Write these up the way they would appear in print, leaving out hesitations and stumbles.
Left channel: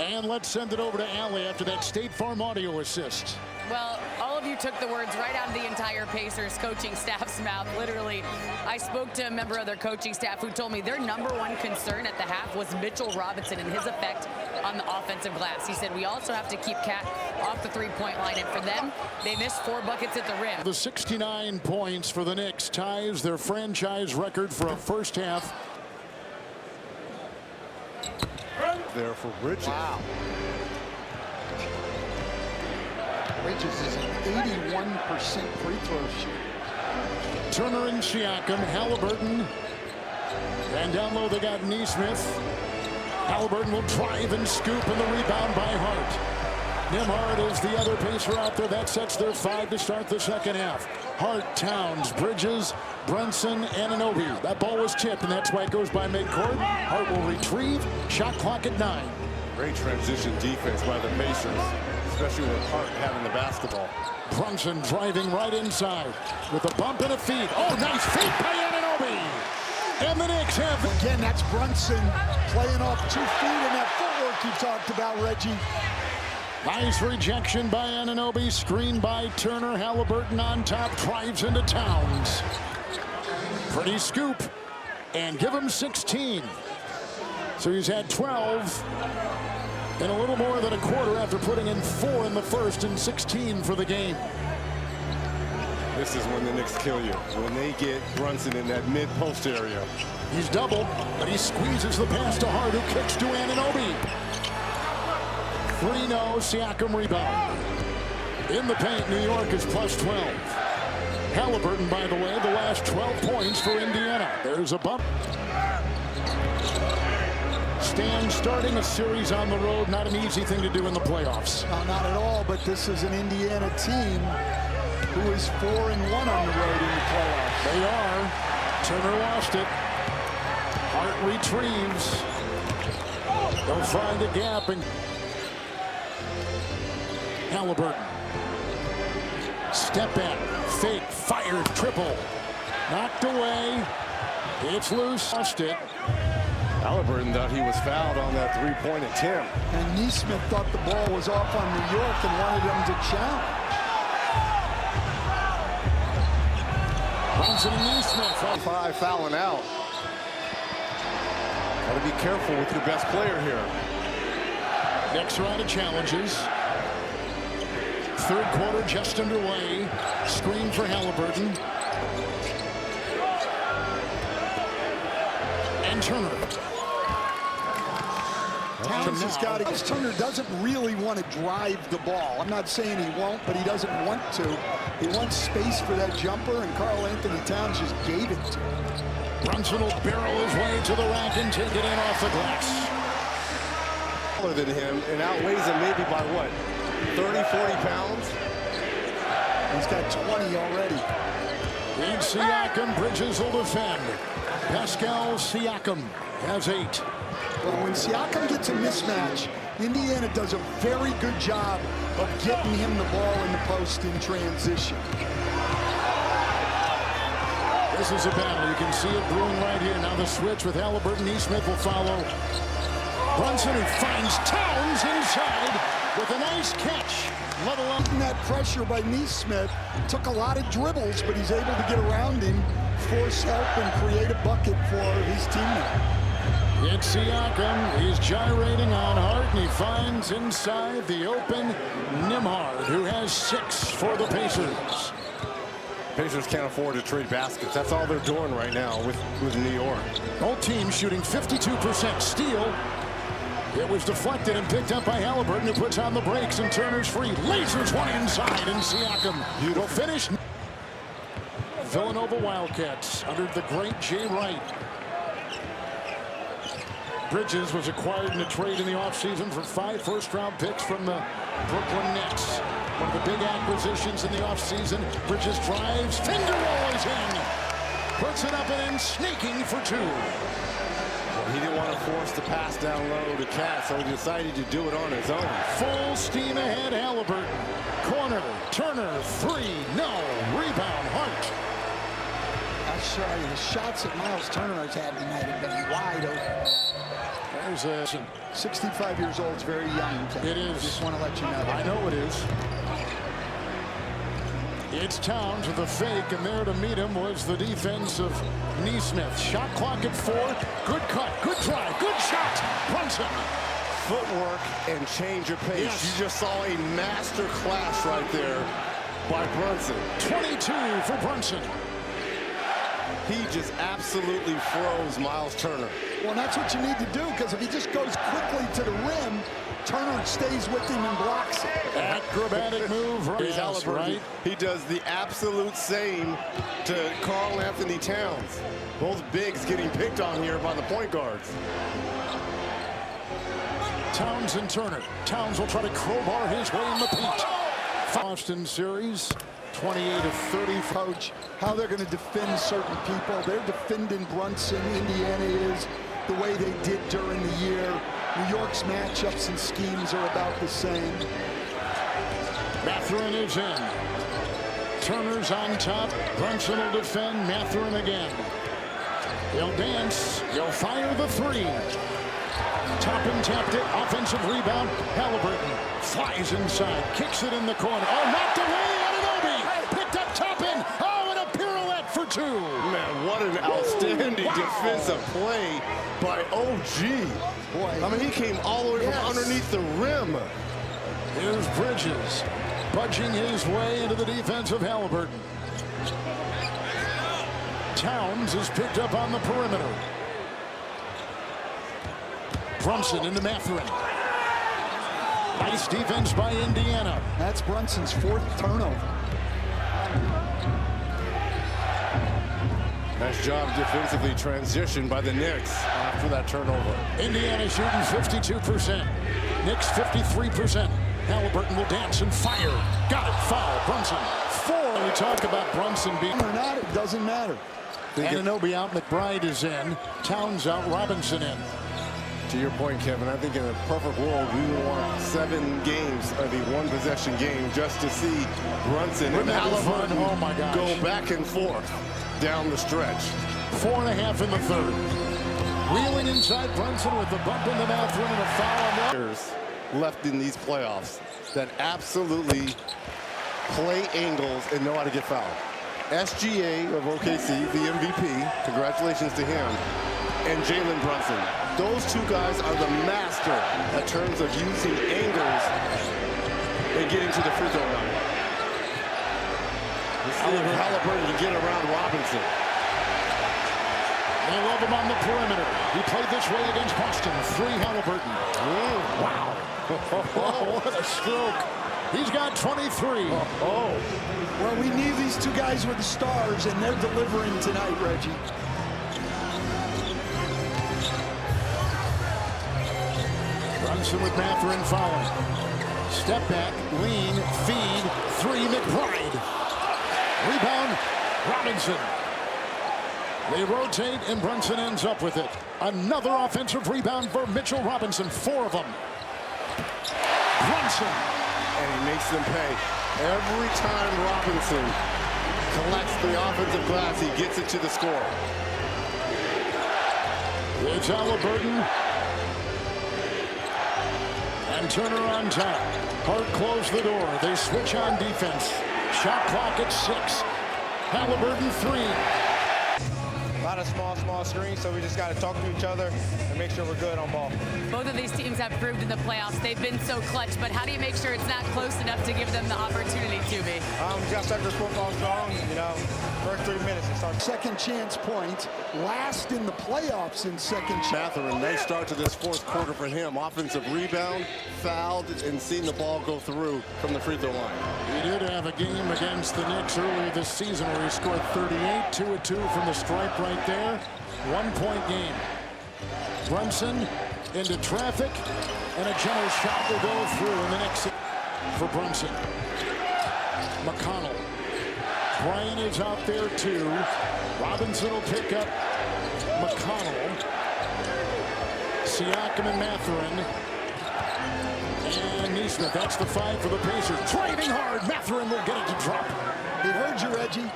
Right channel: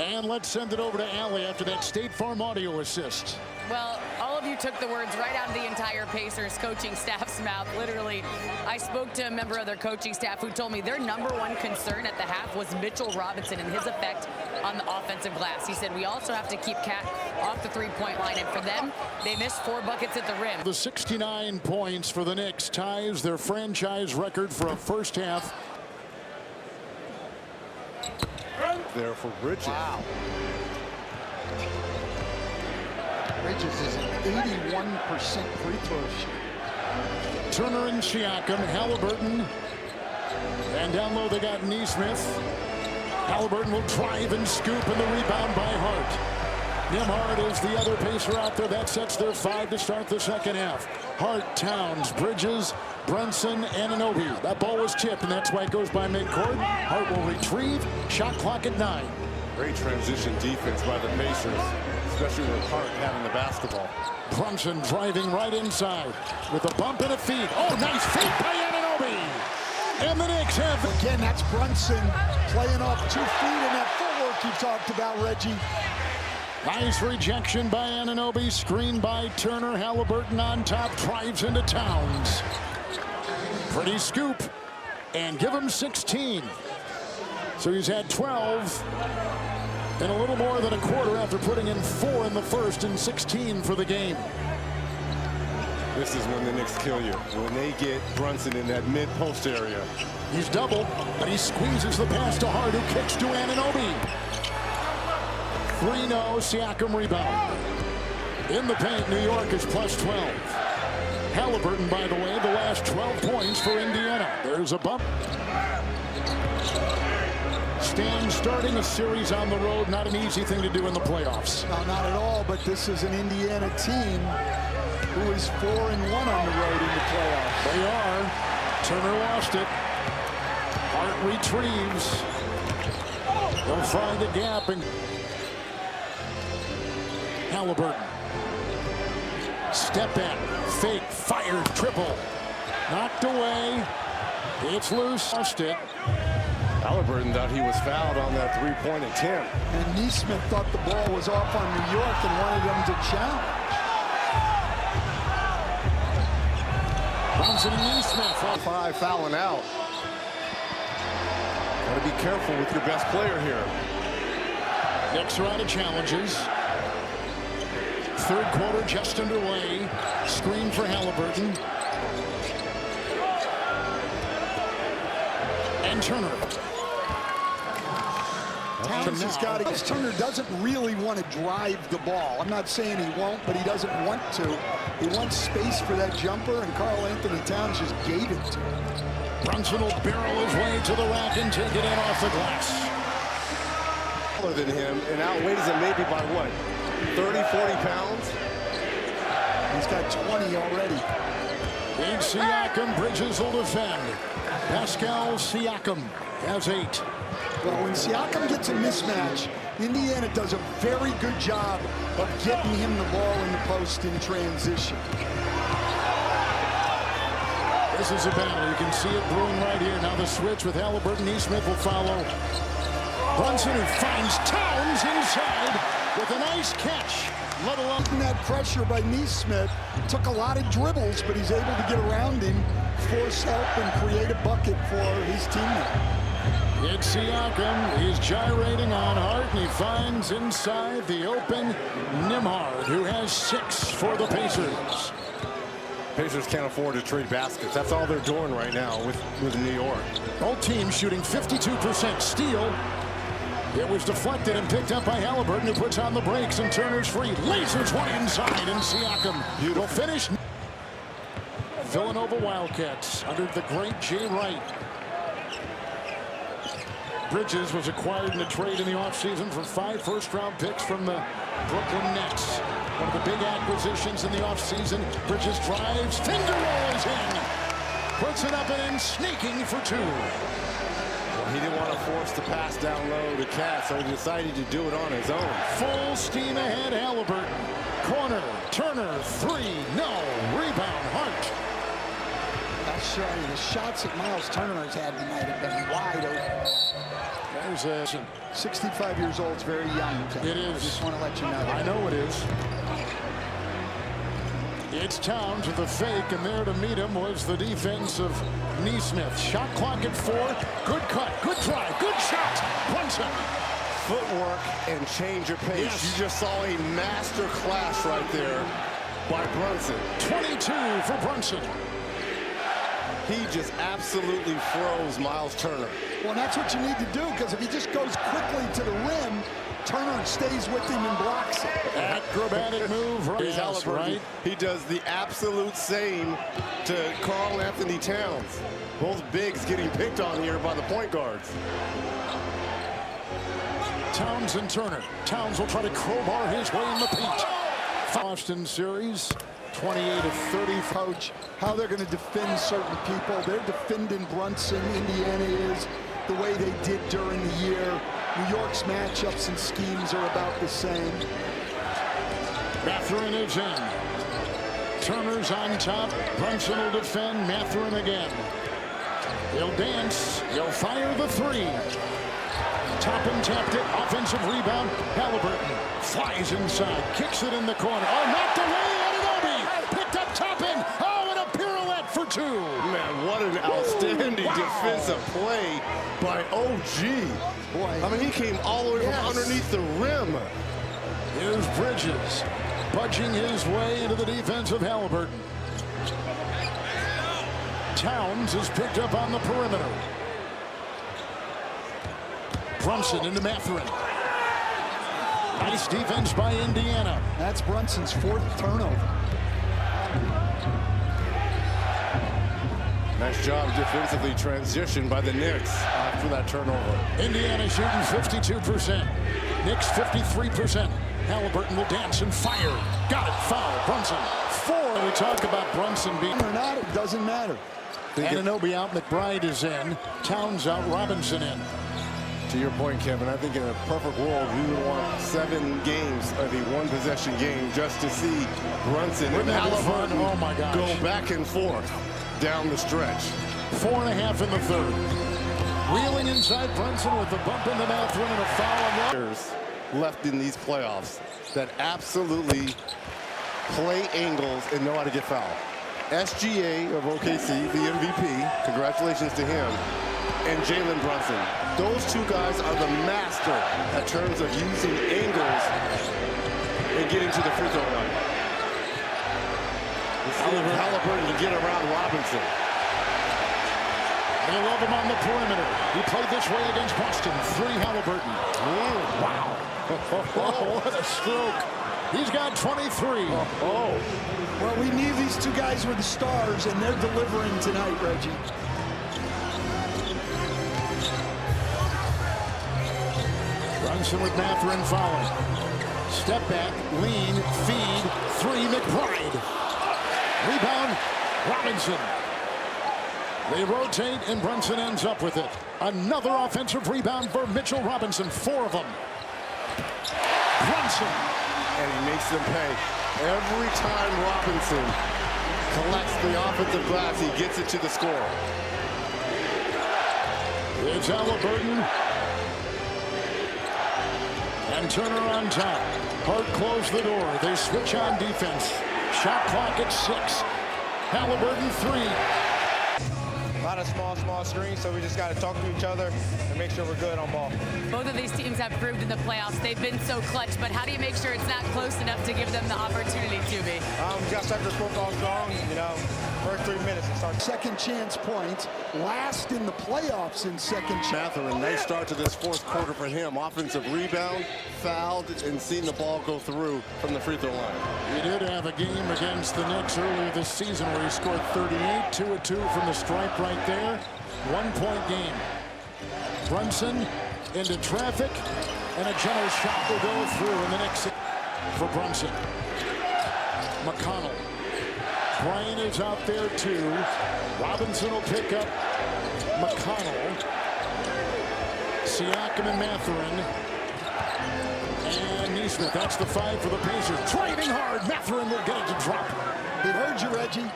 And let's send it over to Allie after that State Farm audio assist. Well, all of you took the words right out of the entire Pacers coaching staff's mouth. Literally, I spoke to a member of their coaching staff who told me their #1 concern at the half was Mitchell Robinson and his effect on the offensive glass. He said, we also have to keep Cat off the three-point line. And for them, they missed 4 buckets at the rim. The 69 points for the Knicks ties their franchise record for a first half. There for Bridges. Wow. Bridges is an 81% free throw shooter. Turner and Siakam, Halliburton. And down low they got Nesmith. Halliburton will drive and scoop, and the rebound by Hart. Nembhard is the other Pacer out there. That sets their 5 to start the second half. Hart, Towns, Bridges, Brunson, Anunoby. That ball was tipped, and that's why it goes by midcourt. Hart will retrieve. Shot clock at 9. Great transition defense by the Pacers, especially with Hart having the basketball. Brunson driving right inside with a bump and a feed. Oh, nice feed by Anunoby. And the Knicks have... Again, that's Brunson playing off 2 feet in that footwork you talked about, Reggie. Nice rejection by Anunoby. Screen by Turner. Halliburton on top. Drives into Towns. Pretty scoop. And give him 16. So he's had 12 in a little more than a quarter after putting in 4 in the first and 16 for the game. This is when the Knicks kill you, when they get Brunson in that mid-post area. He's doubled, but he squeezes the pass to Hart, who kicks to Anunoby. 3-0, Siakam rebound. In the paint, New York is plus 12. Halliburton, by the way, the last 12 points for Indiana. There's a bump. Stan starting a series on the road, not an easy thing to do in the playoffs. No, not at all, but this is an Indiana team who is 4-1 on the road in the playoffs. They are. Turner lost it. Hart retrieves. They'll find a gap. And Halliburton. Step back. Fake. Fires. Triple. Knocked away. It's loose. Lost it. Halliburton thought he was fouled on that three-point attempt. And Nesmith thought the ball was off on New York and wanted them to challenge. Brunson and Nesmith. 5 fouling out. Got to be careful with your best player here. Knicks are out of challenges. Third quarter just underway. Screen for Halliburton. And Turner. Towns has got to. Turner doesn't really want to drive the ball. I'm not saying he won't, but he doesn't want to. He wants space for that jumper, and Karl Anthony Towns just gave it to him. Brunson will barrel his way to the rack and take it in off the glass. Taller than him and outweighs him maybe by what? 30, 40 pounds? He's got 20 already. In Siakam, Bridges will defend. Pascal Siakam has 8. Well, when Siakam gets a mismatch, Indiana does a very good job of getting him the ball in the post in transition. This is a battle. You can see it brewing right here. Now the switch with Halliburton. Nesmith will follow. Brunson, who finds Towns inside with a nice catch. Let alone that pressure by Nesmith. Took a lot of dribbles, but he's able to get around him, force help, and create a bucket for his teammate. It's Siakam. He's gyrating on Hart, and he finds inside the open Nembhard, who has 6 for the Pacers. Pacers can't afford to trade baskets. That's all they're doing right now with New York. Both teams shooting 52% steal. It was deflected and picked up by Halliburton, who puts on the brakes, and Turner's free. Lasers one inside, and Siakam will finish. Villanova Wildcats under the great Jay Wright. Bridges was acquired in a trade in the offseason for 5 first-round picks from the Brooklyn Nets. One of the big acquisitions in the offseason. Bridges drives, finger roll is in. Puts it up and in, sneaking for 2. Well, he didn't want to force the pass down low to Cat, so he decided to do it on his own. Full steam ahead, Halliburton. Corner, Turner, 3, no. Rebound, Hart. I'll show you, the shots that Miles Turner has had tonight have been wide open. There's a 65 years old is very young. It is. I just want to let you know that. I know it is. It's Towns with a fake, and there to meet him was the defense of Neesmith. Shot clock at 4. Good cut, good drive, good shot. Brunson. Footwork and change of pace. Yes. You just saw a master class right there by Brunson. 22 for Brunson. He just absolutely froze Miles Turner. Well, that's what you need to do, because if he just goes quickly to the rim, Turner stays with him and blocks it. Acrobatic move. Yes, Halliburton. right. He does the absolute same to Karl Anthony Towns. Both bigs getting picked on here by the point guards. Towns and Turner. Towns will try to crowbar his way in the paint. Boston series, 28 of 30. Coach, how they're going to defend certain people. They're defending Brunson. Indiana is the way they did during the year. New York's matchups and schemes are about the same. Mathurin is in. Turner's on top. Brunson will defend. Mathurin again. He'll dance. He'll fire the 3. Toppin tapped it. Offensive rebound. Halliburton flies inside. Kicks it in the corner. Oh, knocked away. Anunoby picked up Toppin. Oh, and a pirouette for 2. Man, what an outstanding Wow. defensive play by OG. Boy, I mean, he came all the way Yes. from underneath the rim. Here's Bridges budging his way into the defense of Halliburton. Towns is picked up on the perimeter. Brunson into Mathurin. Nice defense by Indiana. that's Brunson's 4th turnover. Nice job defensively transitioned by the Knicks after that turnover. Indiana shooting 52%. Knicks 53%. Halliburton will dance and fire. Got it. Foul. Brunson. 4. We talk about Brunson being Or not, it doesn't matter. Anunoby out. McBride is in. Towns out. Robinson in. To your point, Kevin, I think in a perfect world, we would want 7 games of a one-possession game just to see Brunson and Wouldn't that be fun? Halliburton Oh my gosh. go back and forth down the stretch. 4.5 in the 3rd. Wheeling inside Brunson with the bump into Mathurin and a foul on that. Players left in these playoffs that absolutely play angles and know how to get fouled. SGA of OKC, the MVP, congratulations to him, and Jalen Brunson. Those 2 guys are the master at terms of using angles and getting to the free throw line. Let's see if Halliburton can get around Robinson. They love him on the perimeter. He played this way against Boston. 3 Halliburton. Wow. Oh, what a stroke. He's got 23. Oh. Well, we knew these 2 guys were the stars, and they're delivering tonight, Reggie. Brunson with Mathurin fouling. Step back, lean, feed, 3 McBride. Rebound, Robinson. They rotate, and Brunson ends up with it. Another offensive rebound for Mitchell Robinson. 4 of them. Brunson. And he makes them pay. Every time Robinson collects the offensive glass, he gets it to the score. It's Halliburton. And Turner on top. Hart closed the door. They switch on defense. Shot clock at 6. Halliburton 3. A lot of small screens, so we just got to talk to each other and make sure we're good on ball. Both of these teams have proved in the playoffs they've been so clutch, but how do you make sure it's not close enough to give them the opportunity to be? We got to start this football strong, you know, first 3 minutes and start. Second chance points, last in the playoffs in second chance. Mathurin, nice start to this 4th quarter for him. Offensive rebound, fouled, and seen the ball go through from the free throw line. He did have a game against the Knicks earlier this season where he scored 38, 2 of 2 from the stripe right there. 1-point game. Brunson into traffic, and a general shot will go through in the Knicks for Brunson. McConnell. Bryant is out there too. Robinson will pick up McConnell. Siakam and Mathurin. And Neesmith. That's the 5 for the Pacers. Driving hard. Mathurin will get it to drop. It heard you, Reggie.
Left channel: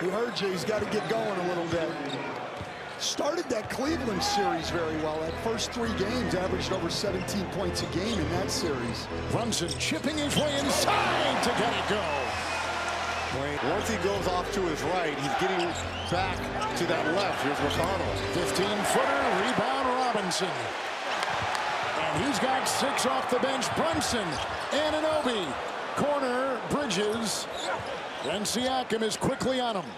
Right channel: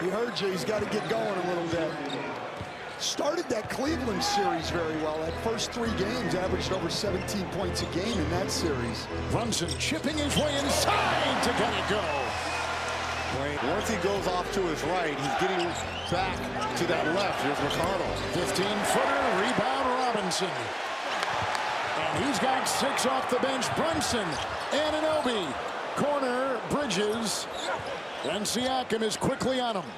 He heard you. He's got to get going a little bit. Started that Cleveland series very well. That first 3 games averaged over 17 points a game in that series. Brunson chipping his way inside to get it go. Once he goes off to his right, he's getting back to that left. Here's McConnell. 15-footer, rebound Robinson. And he's got 6 off the bench. Brunson, Anunoby, corner, Bridges, and Siakam is quickly on him.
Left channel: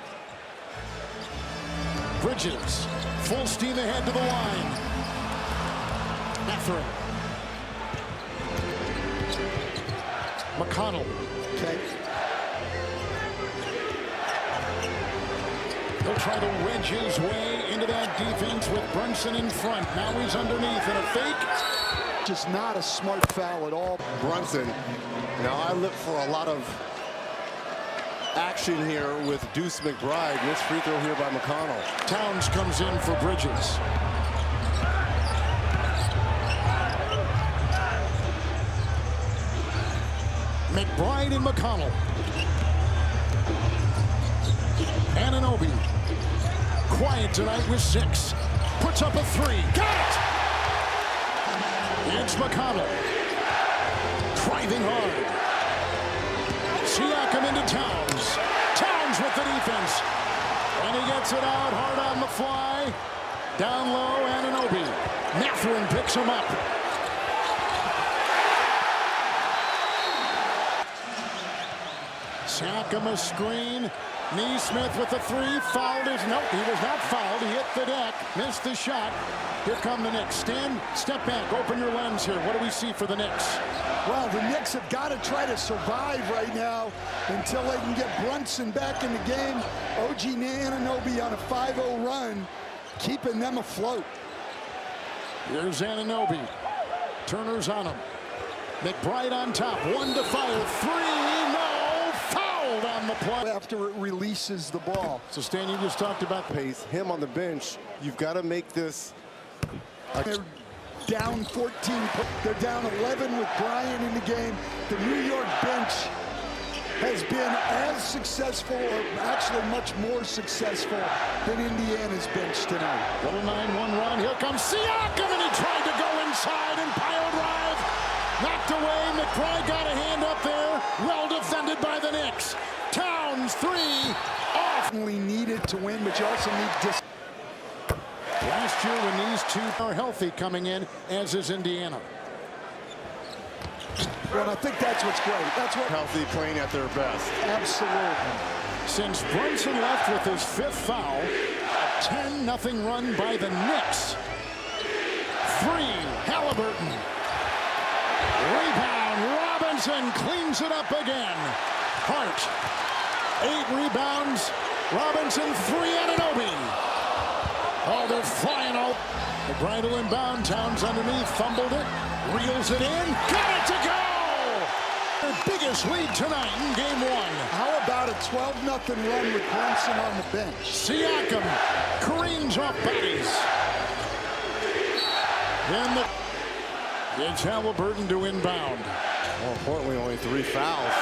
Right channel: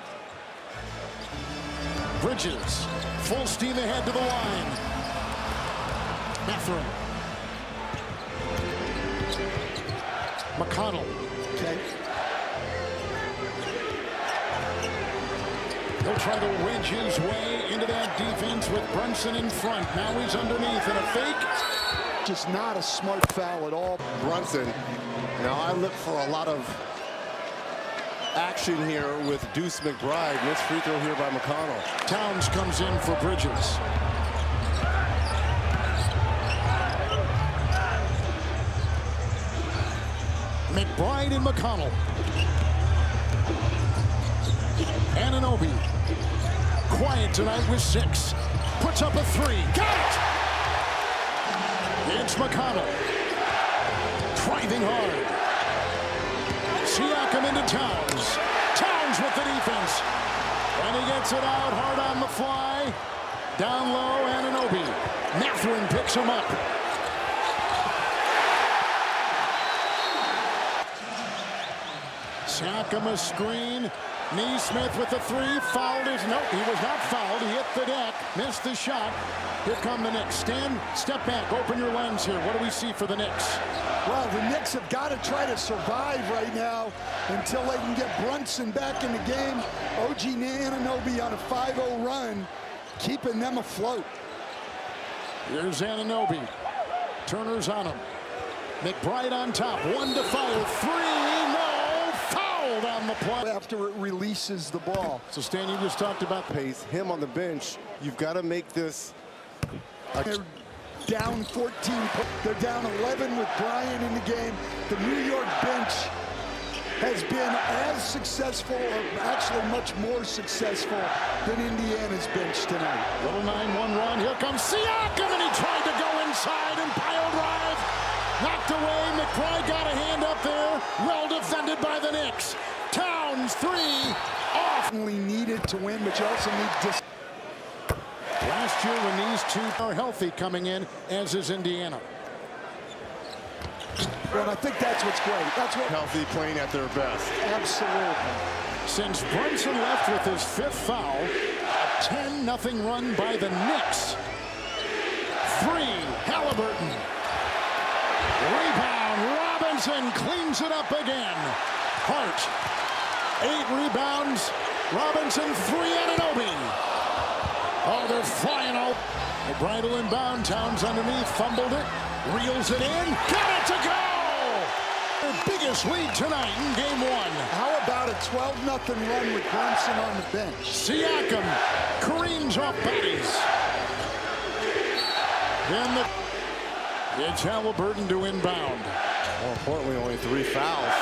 Bridges, full steam ahead to the line. Mathurin. McConnell. Okay. He'll try to wedge his way into that defense with Brunson in front. Now he's underneath in a fake. Just not a smart foul at all. Brunson. Now I look for a lot of action here with Deuce McBride. Missed free throw here by McConnell. Towns comes in for Bridges. McBride and McConnell. Anunoby. Quiet tonight with 6. Puts up a 3. Got it! It's McConnell. Driving hard. Siakam into Towns. Towns with the defense. And he gets it out hard on the fly. Down low, Anunoby. Mathurin picks him up. Siakam a screen. Neesmith with the 3. Fouled his. Nope, he was not fouled. He hit the deck. Missed the shot. Here come the Knicks. Stan, step back. Open your lens here. What do we see for the Knicks? Well, the Knicks have got to try to survive right now until they can get Brunson back in the game. OG Anunoby on a 5-0 run, keeping them afloat. Here's Anunoby. Turner's on him. McBride on top. 1 to fire. 3. No. Fouled on the play. After it releases the ball. So, Stan, you just talked about Pace him on the bench. You've got to make this. They're down 14. They're down 11 with Bryant in the game. The New York bench has been as successful, or actually much more successful, than Indiana's bench tonight. little 9-1 run. Here comes Siakam, and he tried to go inside and pile drive. Knocked away. McBride got a hand up there. Well defended by the Knicks. Towns 3 off. Needed to win, but you also need dis. Last year when these two are healthy coming in, as is Indiana. Well, I think that's what's great. That's what Healthy, playing at their best. absolutely. Since Brunson left with his 5th foul, a 10-0 run by the Knicks. 3, Halliburton. Rebound, Robinson cleans it up again. Hart, 8 rebounds. Robinson, 3, Anunoby. Oh, they're flying out. The bridle inbound. Towns underneath. Fumbled it. Reels it in. Got it to go! Their biggest lead tonight in game 1. How about a 12-0 run with Brunson on the bench? Siakam careens off bodies. Then it's Halliburton to inbound. More importantly, only 3 fouls.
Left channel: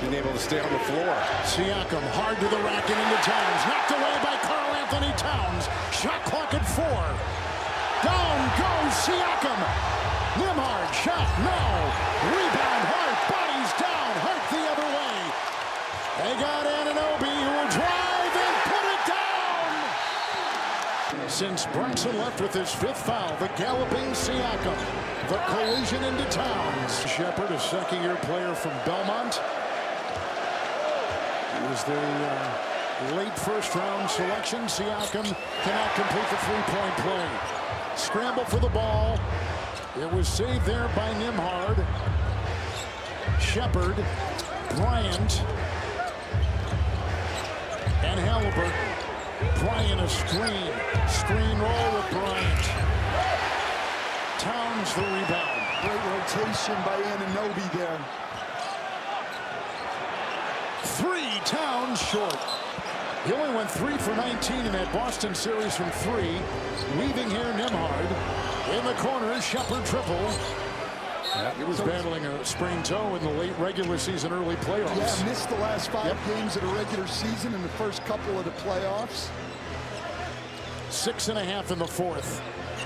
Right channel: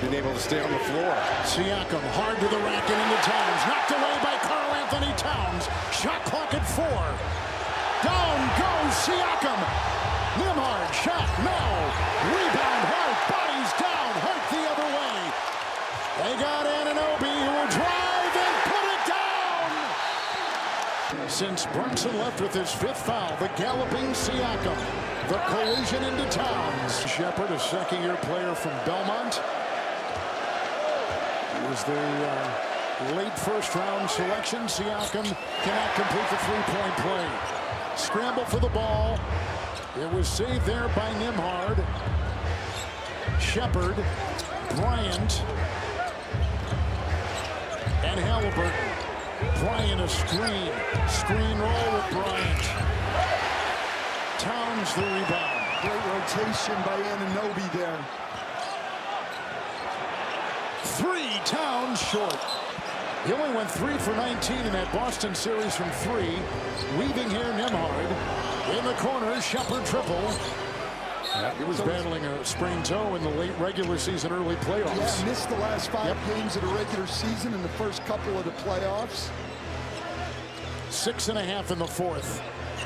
Being able to stay on the floor. Siakam hard to the rack and into Towns. Knocked away by Karl Anthony Towns. Shot clock at 4. Down goes Siakam. Nembhard shot, no. Rebound, Hart, bodies down. Hart the other way. They got Anunoby who will drive and put it down. Since Brunson left with his 5th foul, the galloping Siakam. The collision into Towns. Shepard, a second-year player from Belmont. He was the late first-round selection. Siakam cannot complete the 3-point play. Scramble for the ball. It was saved there by Nembhard. Shepard, Bryant, and Halliburton. Bryant a screen. Screen roll with Bryant. Towns the rebound. Great rotation by Anunoby there. 3, Towns short. He only went 3 for 19 in that Boston series from 3. Weaving here, Nembhard. In the corner, Shepard triple. He was battling a sprained toe in the late regular season, early playoffs. Yeah, missed the last 5 games of the regular season and the first couple of the playoffs. 6.5 in the fourth.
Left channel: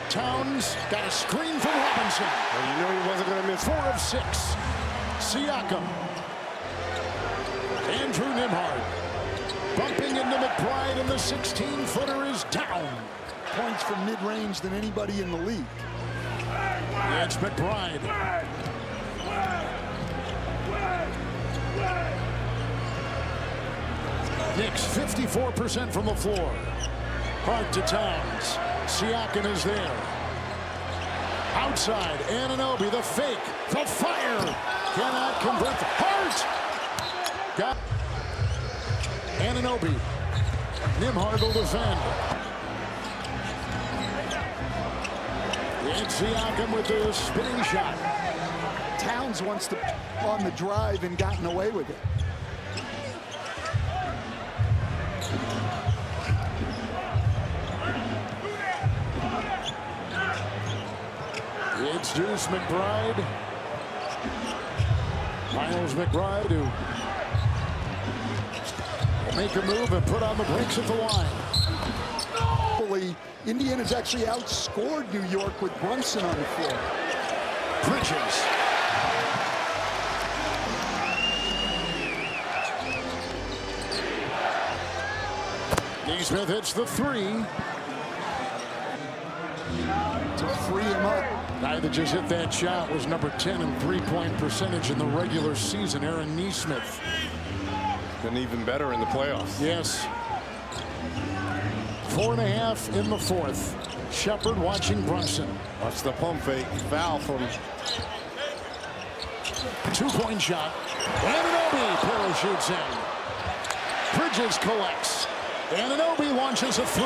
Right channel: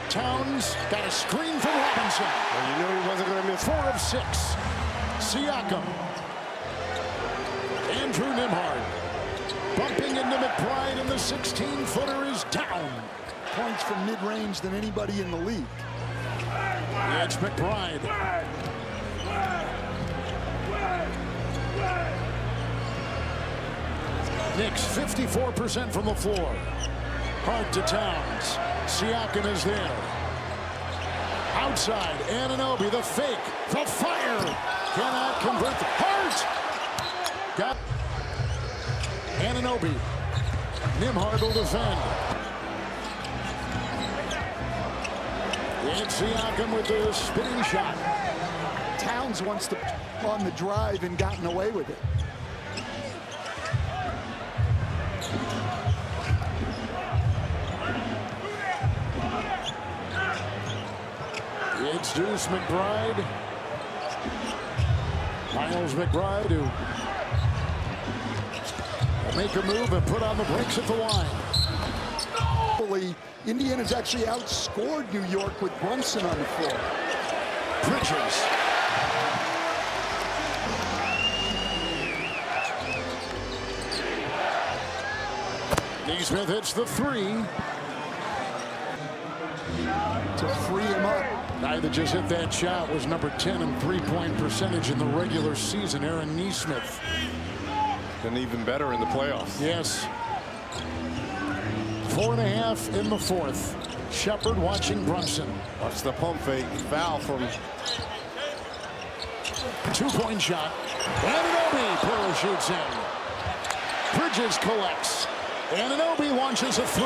Towns got a screen from Robinson. Well, you know he wasn't going to miss. 4 of 6. Siakam. Andrew Nembhard bumping into McBride, and the 16-footer is down. Points from mid-range than anybody in the league. Yeah, it's McBride. Knicks 54% from the floor. Hart to Towns. Siakam is there. Outside, Anunoby, the fake, the fire. Cannot convert. Hart! Got Anunoby. Nembhard will defend. And Siakam with the spinning shot. Towns wants to on the drive and gotten away with it. It's Deuce McBride. Miles McBride who will make a move and put on the brakes at the line. Indiana's actually outscored New York with Brunson on the floor. Bridges. Neesmith hits the 3. To free him up. Guy that just hit that shot was number 10 in three-point percentage in the regular season, Aaron Neesmith. And even better in the playoffs. Yes. 4.5 in the fourth. Shepard watching Brunson. Watch the pump fake. Foul from. 2-point shot. Anunoby parachutes in. Bridges collects. Anunoby launches a 3.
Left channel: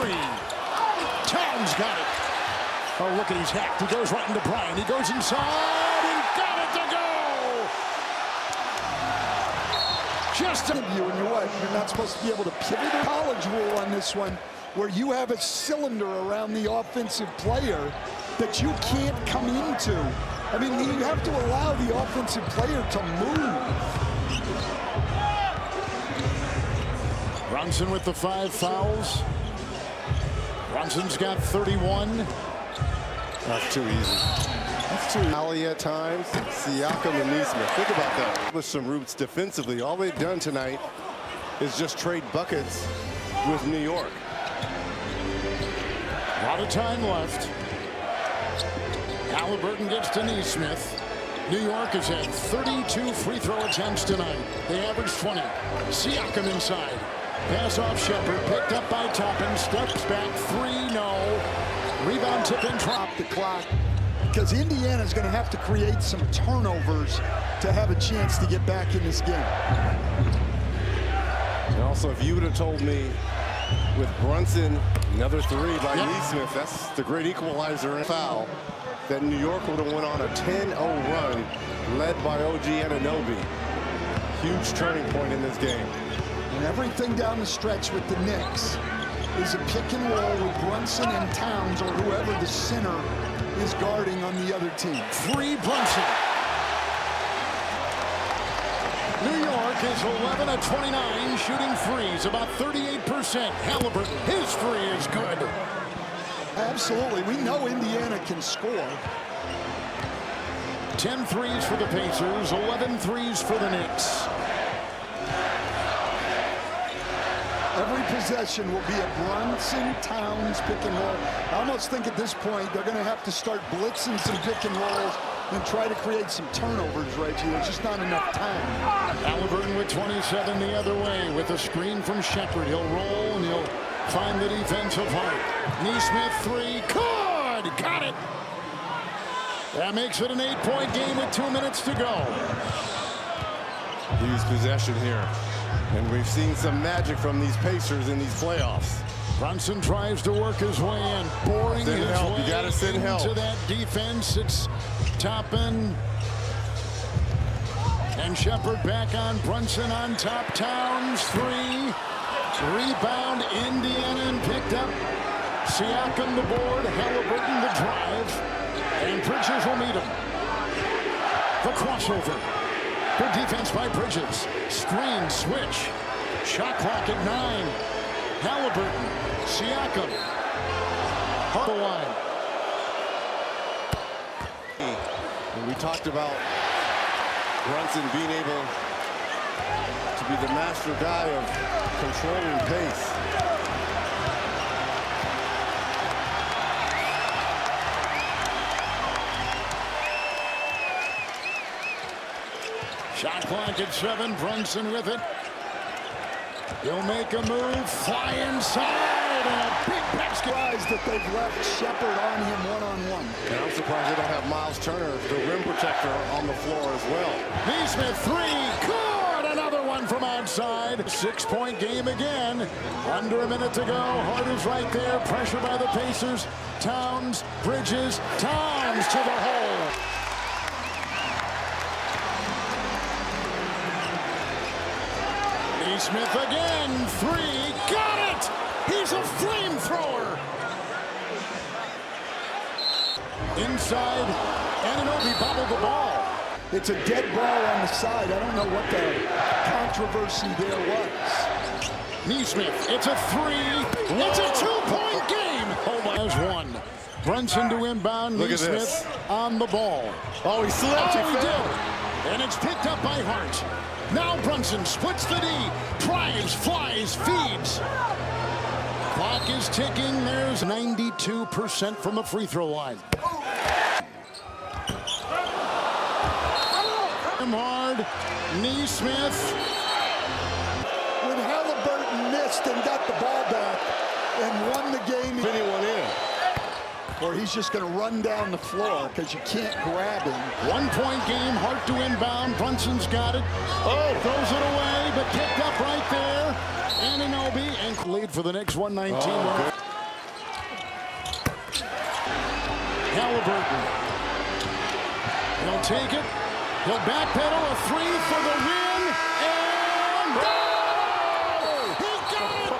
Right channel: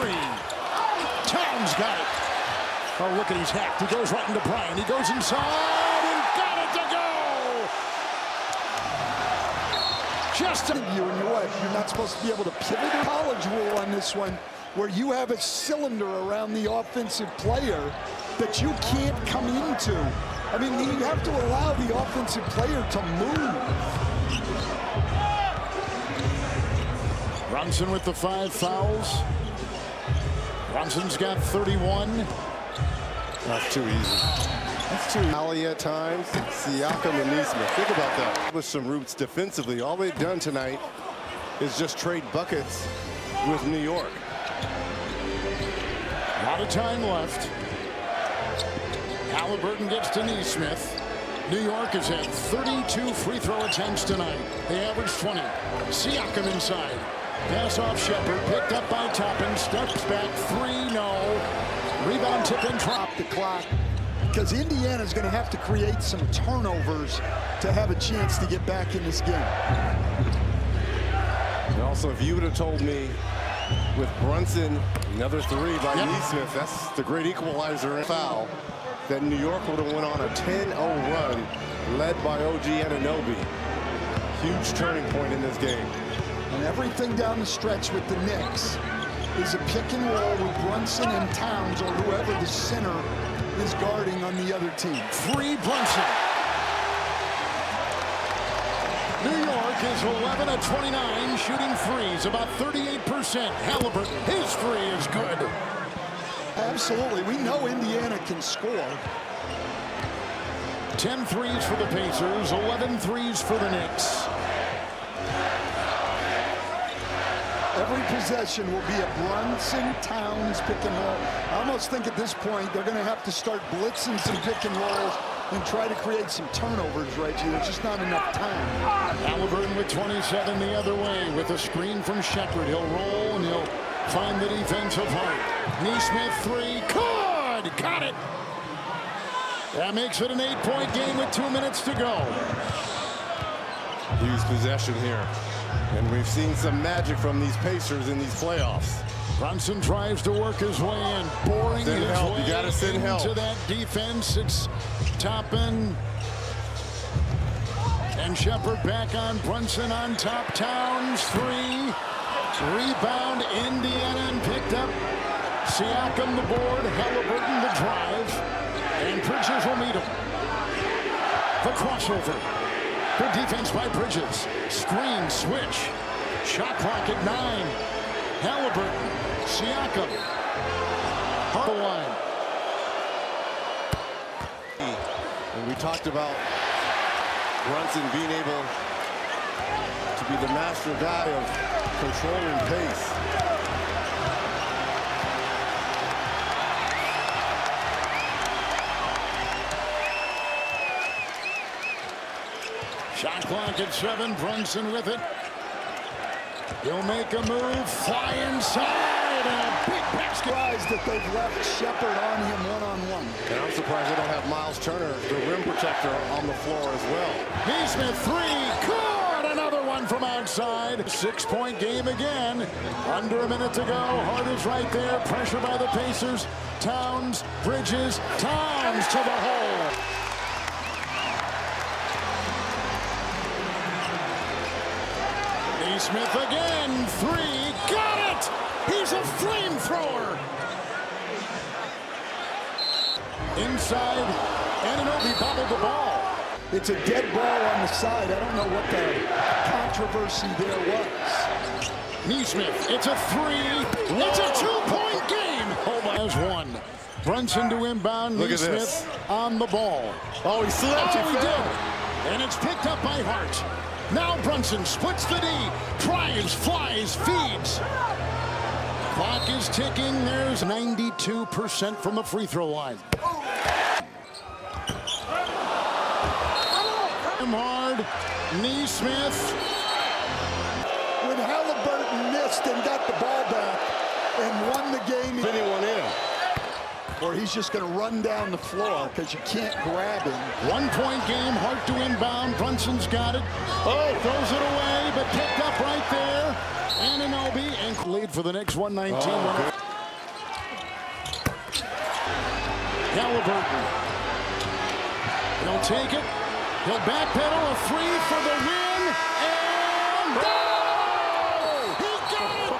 Towns got it. Oh, look at he's hacked. He goes right into Bryant. He goes inside and got it to go. Just a You and you're not supposed to be able to pivot. A college rule on this one, where you have a cylinder around the offensive player that you can't come into. I mean, you have to allow the offensive player to move. Brunson with the 5 fouls. Brunson's got 31. That's too easy. That's too alley at times. Siakam and Neesmith. Think about that. With some roots defensively. All they've done tonight is just trade buckets with New York. A lot of time left. Halliburton gets to Neesmith. New York has had 32 free throw attempts tonight. They averaged 20. Siakam inside. Pass off Shepard. Picked up by Toppin. Steps back. 3, no. Rebound tip in. Drop the clock. Because Indiana's going to have to create some turnovers to have a chance to get back in this game. And also, if you would have told me with Brunson, another 3 by Neesmith, that's the great equalizer and foul, that New York would have went on a 10-0 run led by OG Anunoby. Huge turning point in this game. And everything down the stretch with the Knicks is a pick and roll with Brunson and Towns or whoever the center is guarding on the other team. 3 Brunson. New York is 11 of 29 shooting threes, about 38%. Halliburton, his 3 is good. Absolutely. We know Indiana can score. 10 threes for the Pacers, 11 threes for the Knicks. Every possession will be a Brunson Towns pick and roll. I almost think at this point they're going to have to start blitzing some pick and rolls and try to create some turnovers, Reggie. There's just not enough time. Halliburton with 27 the other way with a screen from Shepard. He'll roll and he'll find the defensive Hart. Neesmith 3, good, got it. That makes it an 8-point game with 2 minutes to go. Huge possession here. And we've seen some magic from these Pacers in these playoffs. Brunson tries to work his way in, boring his way You gotta send help into that defense. It's Toppin and Shepard back on Brunson on top. Towns 3. Rebound Indiana and picked up. Siakam the board. Halliburton the drive. And Bridges will meet him. The crossover. Good defense by Bridges. Screen switch. Shot clock at 9. Halliburton. Siakam. Hard line. And we talked about Brunson being able to be the master guy of controlling pace. Shot clock at 7. Brunson with it. He'll make a move. Fly inside. And a big basket. Surprised that they've left Shepard on him one-on-one. And I'm surprised they don't have Miles Turner, the rim protector, on the floor as well. Neesmith 3. Good. Another one from outside. 6-point game again. Under a minute to go. Hart is right there. Pressure by the Pacers. Towns. Bridges. Towns to the hole. Neesmith again, 3, got it! He's a flamethrower! Inside, Anunoby bobbled the ball. It's a dead ball on the side. I don't know what the controversy there was. Neesmith, it's a 3. It's a 2-point game. Oh my, there's 1. Brunson to inbound. Look at Neesmith this. on the ball. Oh, he slipped. Oh, He he fell. did. And it's picked up by Hart. Now Brunson splits the D, drives, flies, feeds. Clock is ticking. There's 92% from the free throw line. Hard, Neesmith. When Halliburton missed and got the ball back and won the game, Spinning one in. or he's just going to run down the floor because you can't grab him. 1-point game, Hart to inbound. Brunson's got it. Oh, throws it away, but picked up right there. Anunoby and lead for the Knicks, 119. Oh, Halliburton. He'll take it. He'll backpedal, a 3 for the win. And oh! He got it!